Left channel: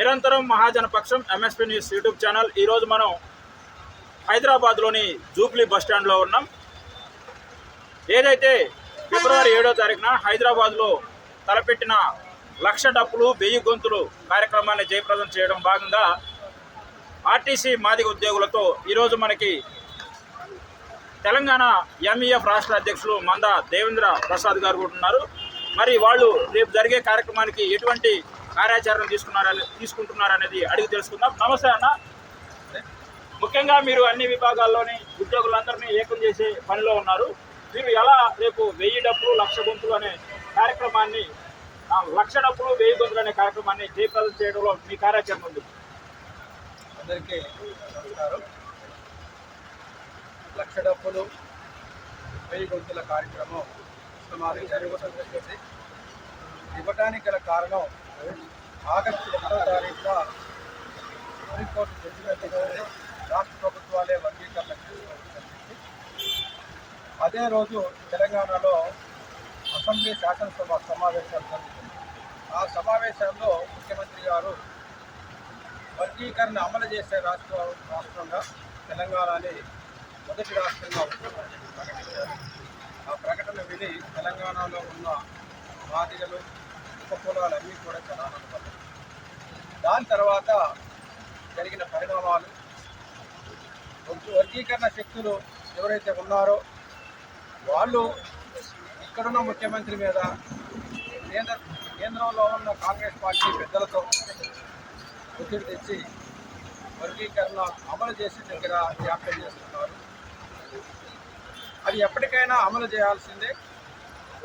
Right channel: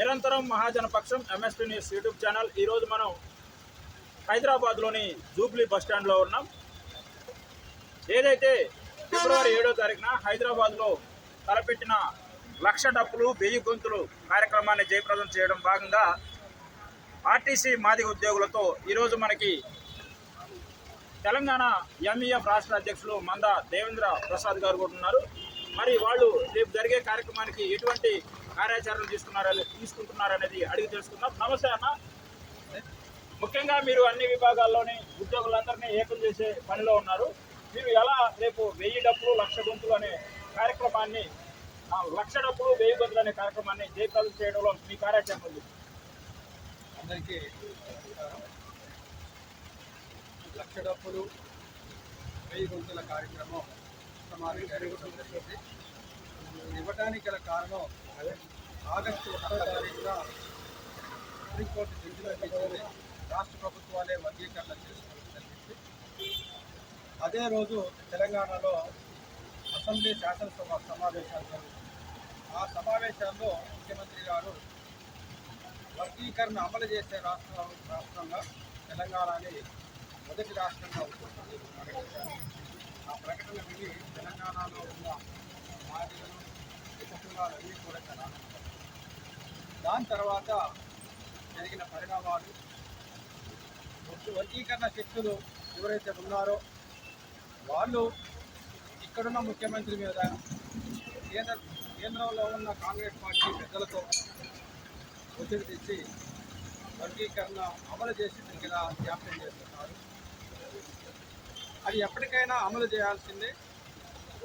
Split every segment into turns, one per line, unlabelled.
నిరంతరం Mahajanapaksham MSP news YouTube channel ఈరోజు మనం హైదరాబాద్లోని జూబ్లీ బస్ స్టాండ్లో ఉన్నాం. ఏదైతే ఫిబ్రవరి ఏడో తారీఖున హైదరాబాద్లో తలపెట్టిన లక్ష డప్పులు వెయ్యి గొంతులు కార్యక్రమాన్ని జయప్రదం చేయడం భాగంగా ఆర్టీసీ మాదిగ ఉద్యోగులతో ఈరోజు మనకి తెలంగాణ ఎంఈఎఫ్ రాష్ట్ర అధ్యక్షులు మంద దేవేంద్ర ప్రసాద్ గారు కూడా ఉన్నారు. మరి వాళ్ళు రేపు జరిగే కార్యక్రమానికి ఎటువంటి కార్యాచరణ తీసుకున్నారని తీసుకుంటున్నారనేది అడిగి తెలుసుకుందాం. నమస్తే అన్న. ముఖ్యంగా మీరు అన్ని విభాగాల్లోని ఉద్యోగులందరినీ ఏకం చేసే పనిలో ఉన్నారు. మీరు ఎలా రేపు వెయ్యి డబ్బులు లక్ష గొంతులు అనే కార్యక్రమాన్ని లక్ష డబ్బులు వెయ్యి గొంతులు అనే కార్యక్రమాన్ని జయప్రదం చేయడంలో మీ కార్యాచరణ ఉంది.
అందరికీ నమస్కారం. లక్ష డబ్బులు వెయ్యి గొంతుల కార్యక్రమం సుమారు జరగడం ఇవ్వటానికి గల కారణం ఆగస్టు ఒకటో తారీఖున సుప్రీంకోర్టు జడ్జిమెంట్ రాష్ట్ర ప్రభుత్వాలే వర్గీకరణ అదే రోజు తెలంగాణలో అసెంబ్లీ శాసనసభ సమావేశాలు జరుగుతుంది ఆ సమావేశాల్లో ముఖ్యమంత్రి గారు వర్గీకరణ అమలు చేసే రాష్ట్ర రాష్ట్రంగా తెలంగాణని మొదటి రాష్ట్రంగా ప్రకటించారు ఆ ప్రకటన విని తెలంగాణలో ఉన్న మాదిగలు ఉపకులాలన్నీ కూడా చాలా దాని తర్వాత జరిగిన పరిణామాలు వర్గీకరణ శక్తులు ఎవరైతే ఉన్నారో వాళ్ళు ఇక్కడున్న ముఖ్యమంత్రి మీద కేంద్ర కేంద్రంలో ఉన్న కాంగ్రెస్ పార్టీ పెద్దలతో ఒత్తిడి తెచ్చి వర్గీకరణ అమలు చేసే దగ్గర జాప్యం చేస్తున్నారు. అది ఎప్పటికైనా అమలు చేయాల్సిందే.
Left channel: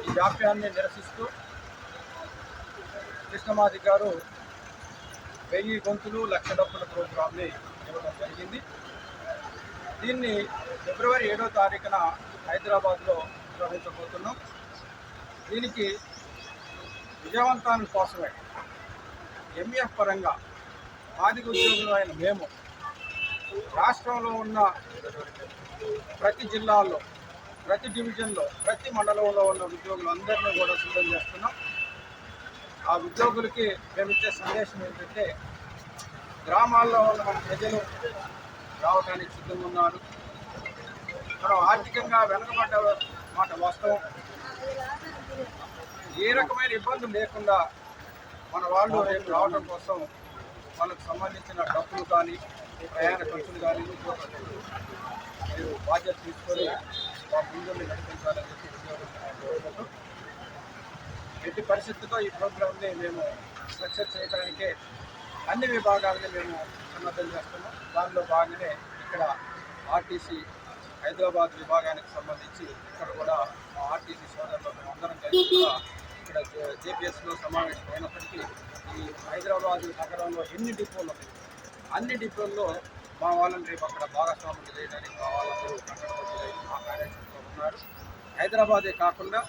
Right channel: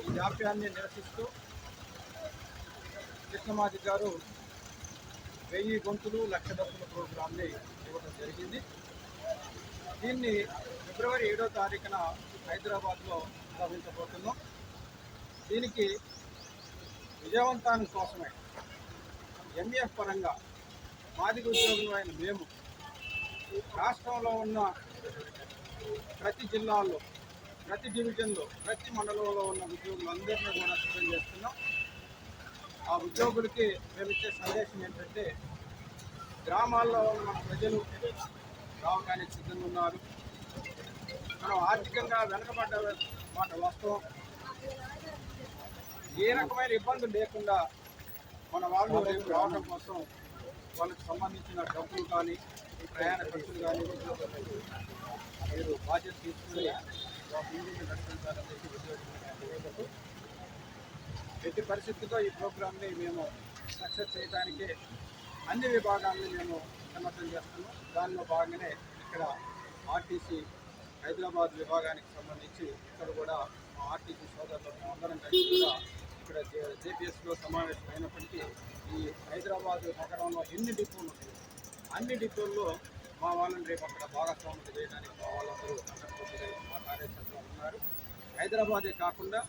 ఈ జాప్యాన్ని నిరసిస్తూ కృష్ణమాది గారు వెయ్యి గొంతులు లక్ష డబ్బుల ప్రోగ్రాంని ఇవ్వడం జరిగింది. దీన్ని ఫిబ్రవరి ఏడో తారీఖున హైదరాబాద్లో నిర్వహించబోతున్నాం. దీనికి విజయవంతాన్ని కోసమే ఎంఎఫ్ పరంగా మాదిగ ఉద్యోగులు అయిన మేము రాష్ట్రంలో ఉన్న ప్రతి జిల్లాలో ప్రతి డివిజన్లో ప్రతి మండలంలో ఉన్న ఉద్యోగులందరినీ కూడా సిద్ధం చేస్తున్నాం. ఆ ఉద్యోగులకి మేము ఇచ్చే సందేశం ఏంటంటే గ్రామాల్లో ఉన్న మన ప్రజలు రావడానికి సిద్ధంగా ఉన్నారు. మనం ఆర్థికంగా వెనకబడ్డ మాట వాస్తవం. ఏ రకమైన ఇబ్బందులు లేకుండా మన వాళ్ళు రేపు రావడం కోసం వాళ్ళకు సంబంధించిన డబ్బులు కానీ ప్రయాణ ఖర్చులు కానీ ఉద్యోగ ఖర్చులు మీరు బాధ్యత తీసుకొని మా ముందు నడిపించాలని చెప్పి ఉద్యోగులు కోరుకుంటూ ఎట్టి పరిస్థితుల్లో ఈ ప్రోగ్రామ్ని మేము సక్సెస్ చేయడానికే అన్ని విభాగాలని మేము సన్నద్ధం చేస్తున్నాం. దానిలో భాగంగానే ఇక్కడ ఆర్టీసీ హైదరాబాద్ విభాగానికి సంబంధించి ఇక్కడ కూడా మా ఆర్టీసీ సోదరులు మేమందరం కలిసి కూడా ఇక్కడ జేపీఎస్లో సమావేశం అయినప్పటికీ ఈ హైదరాబాద్ నగరంలో ఎన్ని డిపోలు ఉన్నాయి? అన్ని డిపోల్లో మా వాళ్ళని రేపు అక్కడ భాగస్వాములు చేయడానికి మా వాళ్ళందరూ కంకణబద్ధులై మా కార్యక్రమంలో ఉన్నారు. హైదరాబాదే కాకుండా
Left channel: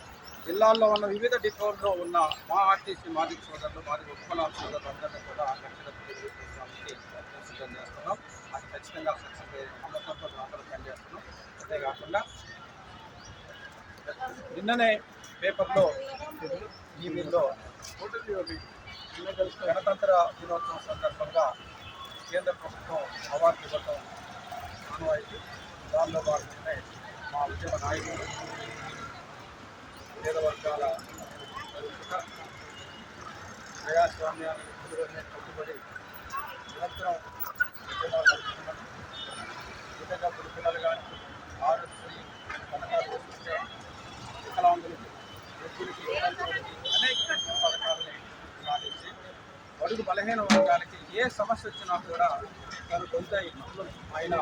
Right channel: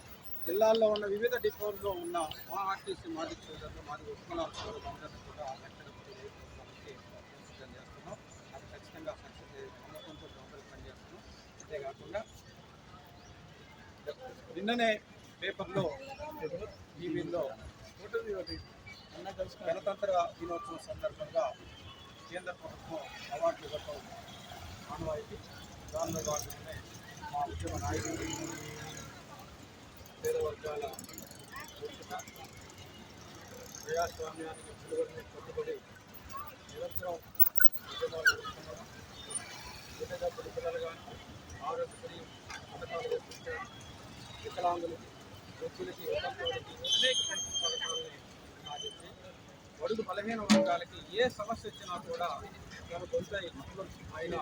జిల్లాల్లో ఉన్న వివిధ డిపోల్లో ఉన్న మా ఆర్టీసీ మాదిక సోదరులు మాది ఉత్పన్నాల సోదరులు అందరినీ కూడా వ్యక్తిగత సిద్ధం చేస్తున్నాం. అది ఖచ్చితంగా సక్సెస్ నమ్మకంతో అందరూ పనిచేస్తున్నాం. అంతేకాకుండా నిన్ననే పేపర్లో టీవీలో గణతంత్ర దినోత్సవం సందర్భంగా కేంద్ర ప్రభుత్వం అవార్డు ఇవ్వటం ఆనవాయితీ దానిలో భాగంగానే మా ఉద్యమ నాయకులు పేద వర్గాల సుఖ ప్రజాస్వామ్యాన్ని ముందుగానే కట్టుబడి నిరంతరం ఉద్యమాలు నడుపుతున్నాము పిల్లలు కానీ ఆరోగ్యశ్రీ పథకాలు వేసుకుంటారు వికలాంగులకి వృద్ధులకి అనేక పథకాలని సాధించి బడుగు బలహీన వర్గాలకి ఏ సమస్య వచ్చినా కూడా తను కొంత ఆయన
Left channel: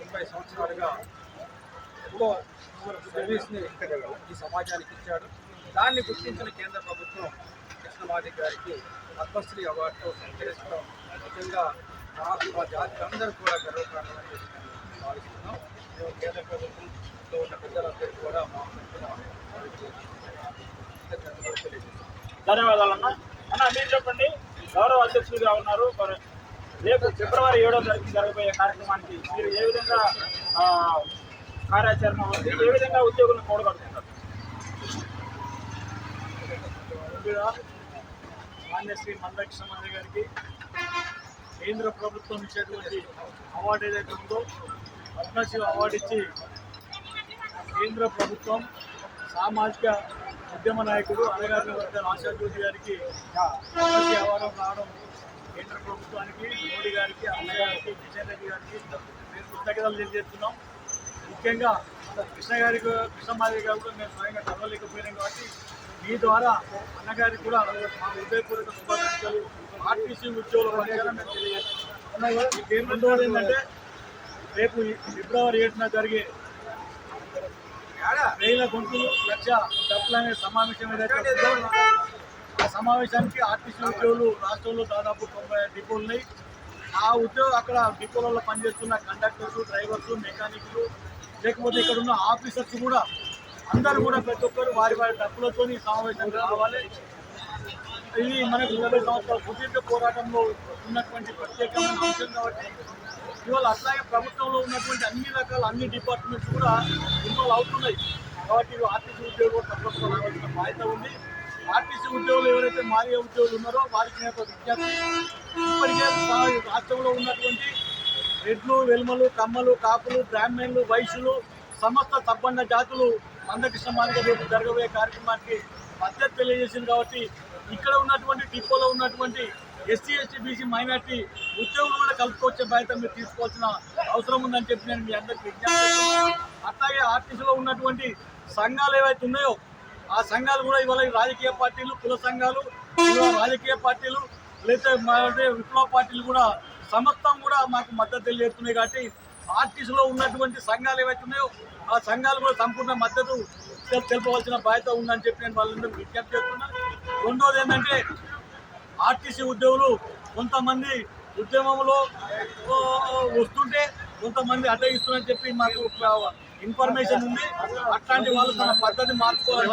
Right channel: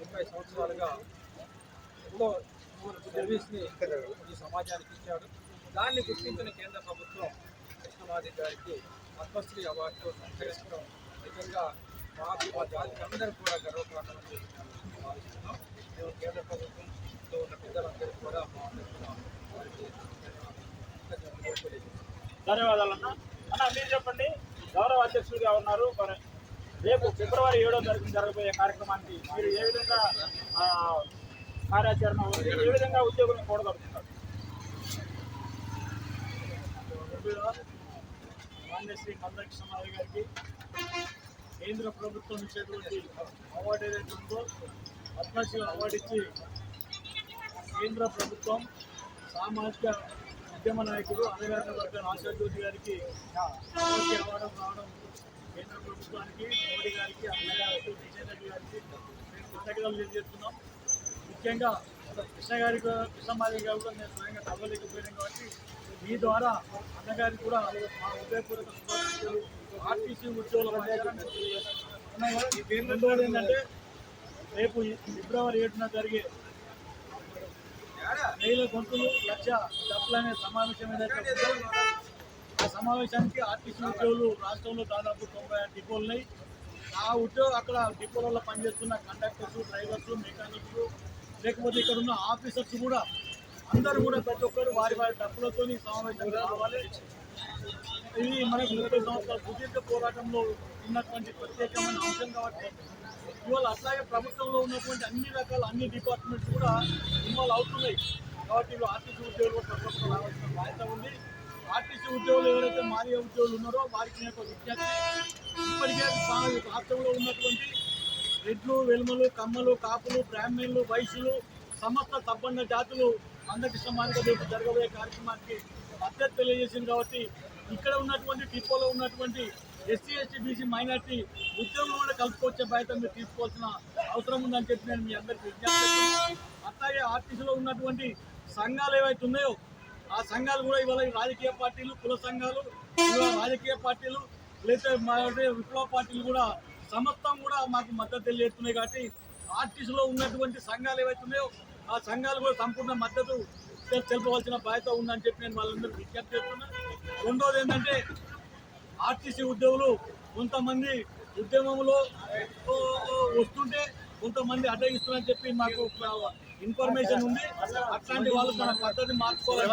ముప్పై సంవత్సరాలుగా ఎంతో సర్వీస్ని ఈ సమాజానికి ఇచ్చాడు. దాన్ని గుర్తించిన కేంద్ర ప్రభుత్వం కృష్ణమాది గారికి పద్మశ్రీ అవార్డుతో సత్కరిస్తాం నిజంగా నాకు మా జాతి అందరూ కూడా గర్వకారణమని భావిస్తున్నాం. మేము కేంద్ర ప్రభుత్వంలో ఉన్న పెద్దలందరూ కూడా మా తరఫున
ధన్యవాదాలు అన్న అన్న మీరు చెప్పండి. గౌరవ అధ్యక్షులుగా ఉన్నారు. మరి రేపు ఫిబ్రవరి ఏడో తారీఖు జరగబోయే కార్యక్రమానికి మీరు ఏ విధంగా కార్యాచరణ ఉంది. ఏ విధంగా ఉద్యోగులను కూడగొడుతున్నారు?
మా మాన్యశ్రీ మందకృష్ణమారి గారికి కేంద్ర ప్రభుత్వం ఇచ్చేటువంటి అవార్డు ఏదైతే ఉందో పద్మశ్రీ అవార్డు ఇచ్చి కేంద్ర ప్రభుత్వం సామాజిక ఉద్యమ నాయకుడు అలగారి వర్గాల ఆశాజ్యోతి గారికి పద్మశ్రీ అవార్డు రావడం కేంద్ర ప్రభుత్వానికి మోడీ గారికి అమ్మగారికి కిషన్ రెడ్డి గారికి మేము కృతజ్ఞతలు తెలియజేస్తున్నాం. ముఖ్యంగా కృష్ణ గారికి కృష్ణమాది గారు కూడా మేము స్వయంగా చదవలేకపోయినాం కాబట్టి మీ ద్వారా అన్నగారికి కూడా మా హృదయపూర్వక శుభాకాంక్షలు. ఆర్టీసీ ఉద్యోగుల పక్షాన మేము తెలియజేస్తాం ఏంటంటే రేపు ఫిబ్రవరి ఏడున జరిగే వేల గొంతులు లక్ష డబ్బులు అనే సమావేశం ఏదైతే ఆ సమావేశానికి ఆర్టీసీ ఉద్యోగులు రాష్ట్రంలో దాదాపు తొంభై డిపోలున్నాయి. ఆ ఉద్యోగం అక్కడ డిపోలలో పనిచేస్తున్న కండక్టర్స్ డ్రైవర్స్ మెకానిక్లు లేకపోతే ఇక్కడ ఉన్న ఆఫీసర్స్ కూడా అందరూ కూడా ప్రతి ఒక్కరు వారి వారి డబ్బులతో సమావేశం రావాలి ఇది మనకు ముప్పై సంవత్సరాల సుదీర్ఘ పోరాటంలో ఉన్నటువంటి ప్రత్యేకమైన అంశం కాబట్టి ఇవాళ అట్లాగే ప్రభుత్వంలో ఉన్నటువంటి అన్ని రకాల అన్ని డిపార్ట్మెంట్స్ కూడా ఇన్వాల్వ్ అవుతున్నాయి. కాబట్టి ఆర్టీసీ ఉద్యోగులు తప్పకుండా రావాల్సిన బాధ్యత ఉంది. ఆర్టీసీ ఉద్యోగులు ఎవరైతే మారే ఉద్యోగులు ఉన్నారో వారికి నేను ఒక విజ్ఞప్తి ఇప్పటికే రాష్ట్రంలో ఉన్నటువంటి రెడ్లు వెల్మలు కమ్మలు కాపులు బ్రాహ్మణులు వైశ్యులు సమస్త సబ్బండ జాతులు మందకృష్ణ మాలిక రేపు జరగబోయే కార్యక్రమానికి మద్దతు తెలియజేసింది కాబట్టి ఇక్కడ ఉన్నటువంటి డిపోలో ఉన్నటువంటి ఎస్సీ ఎస్టీ బీసీ మైనార్టీ ఉద్యోగులు కూడా కలుపుకొచ్చే బాధ్యత మీరు తీసుకోవాల్సిన అవసరం ఉందని చెప్పి నేను మీ అందరికి విజ్ఞప్తి అట్లాగే ఆర్టీసీలో ఉన్నటువంటి సంఘాలు ఏవైతే ఉన్నాయో ఆ సంఘాలు కూడా ఇవాళ రాజకీయ పార్టీలు కుల సంఘాలు రాజకీయ పార్టీలు లేదా మా విప్లవ పార్టీలు కూడా సమస్తం కూడా మాకు మద్దతు తెలియజేస్తున్నాయి కాబట్టి ఆర్టీసీలో ఉన్నటువంటి సంఘాలు ఏవైతే ఉన్నాయో ఆ సంఘాలు కూడా సంపూర్ణ మద్దతు తెలుపవలసిన బాధ్యత ఉందని చెప్పి నేను వాళ్ళందరూ విజ్ఞప్తి చేస్తున్నాను రెండోది ఏంటంటే ఆర్టీసీ ఉద్యోగులు కొంతమంది ఉద్యమంలో వస్తుంటే కొంతమంది అడ్డగిస్తున్నారని చెప్పి మాకు ఇన్ఫర్మేషన్ ఉంది. అట్లాంటి వాళ్ళు తన పద్ధతి మార్చుకోవాలి